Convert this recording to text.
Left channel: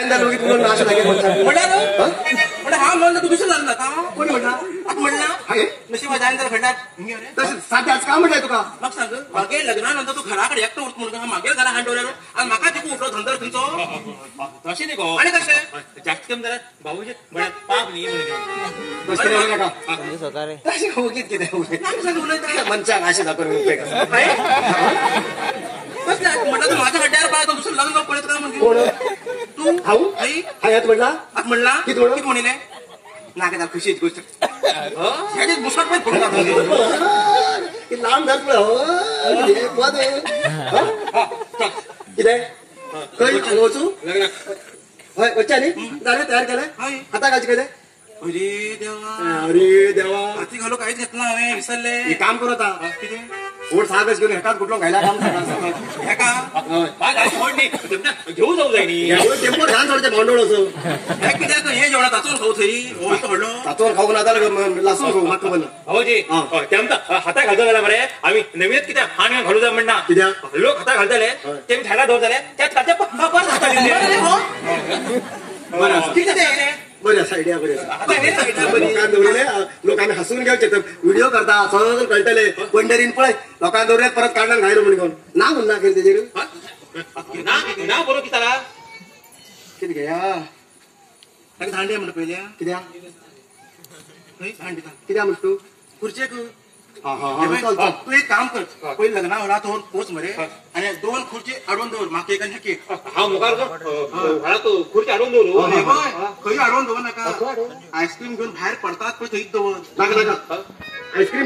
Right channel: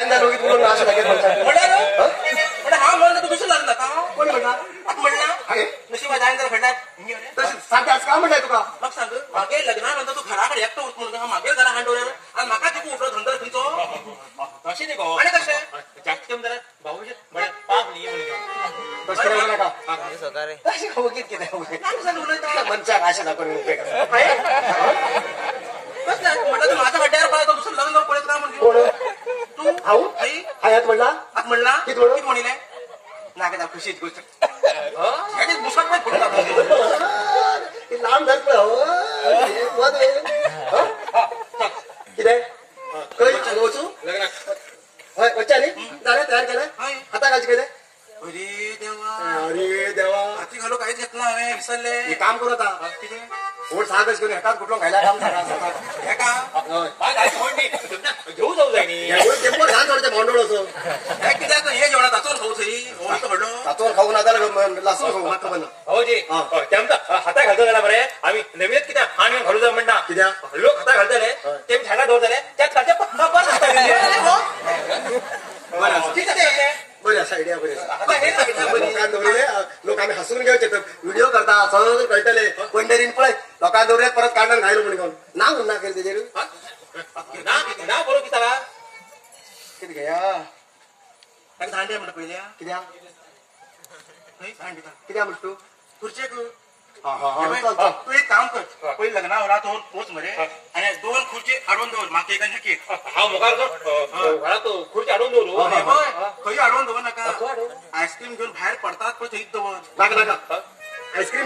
जायन जालो म्हणून अशें म्हणल्यार हांव म्हणून तूं कशें लागला कोण म्हणला म्हणला नशीब जायन जाल्यार खेळटात साध्याच का म्हणटाय तुका म्हाका सांग मागे लग्नानंतर तू घरा कडेन एकटो उरत म्हणून मागे घरा हांड दवरलें आनी म्हाका तिका उठलो धंदो तुमचो तशें न्ही गो आनी कशें जास्त जाल्यार भाऊजी म्हळ्यार पाप न्ही म्हणून तशें नाका कितें मनशाक आशें दाखोवन उपेग म्हणटा तू माझ्या खड्ड्यार पाय तो दुसरं लग्न पळयत काय म्हणजे कोण तू हांव आई हायात म्हणला म्हणला कितें म्हणून? कितें म्हणिलें नाका खुशीच गोष्ट मुसळ पण फोन लागला लांब धर कितें खंय वचू हय वच्चा न्ही जालें तयार केलें हाता घालचें कशें अरे देवा अरे देवा हाती घालू काहीच घेतला हांवें विसरले हे काम करू आता कितें ओढ सागच घेऊन हेकाच कुठलो घायला काम हेका घेऊ जाऊ जाय न्ही टेम्पो ल्हान थोडे भांडवळ असो कित्याक हे जेवणा ताचोन खाऊ थंय वयता म्हणलो तातून खाऊ ना जाल्यार लासून खाऊ म्हाका खबर ना भाऊजी ते आमकां हाता घालता जाल्यार मरे आमी नवीनच कित्याक हाण घालू जाय म्हणना कित्याक लोक हाता घालताले तेमी थायला दवरताले त्याच कालच्या परत बरी आसा आयडिया बरी आसा लोकांक दवरले लोक आमी हसून घेवचे व्हिडिओ करता सहज कळटले पंढरीन पळय लोकांक दवरल्यात परत काढल्यान घायलो म्हणून ना म्हणना खंय तेजेर ना बरो कित्याक कितें घेया ताका धांडे म्हणटा पयल्या कित्याक खंय धांड दिता कित्याक म्हणटा तूं खुर्चेक हा हा हा चल चल तू एक काम कर पयलीं लग्ना होला तो पोच मरे आनी 2 खुर्ची हाडून दवर म्हाका एक आनी ताका एक हांव मुखार घरात खुर्ची हाडून दवरू खंय हाडून दवर नाका आयस्क्रीम घेवन भायर पडतात पळय थंयच दवर नाका नाका आयस्क्रीम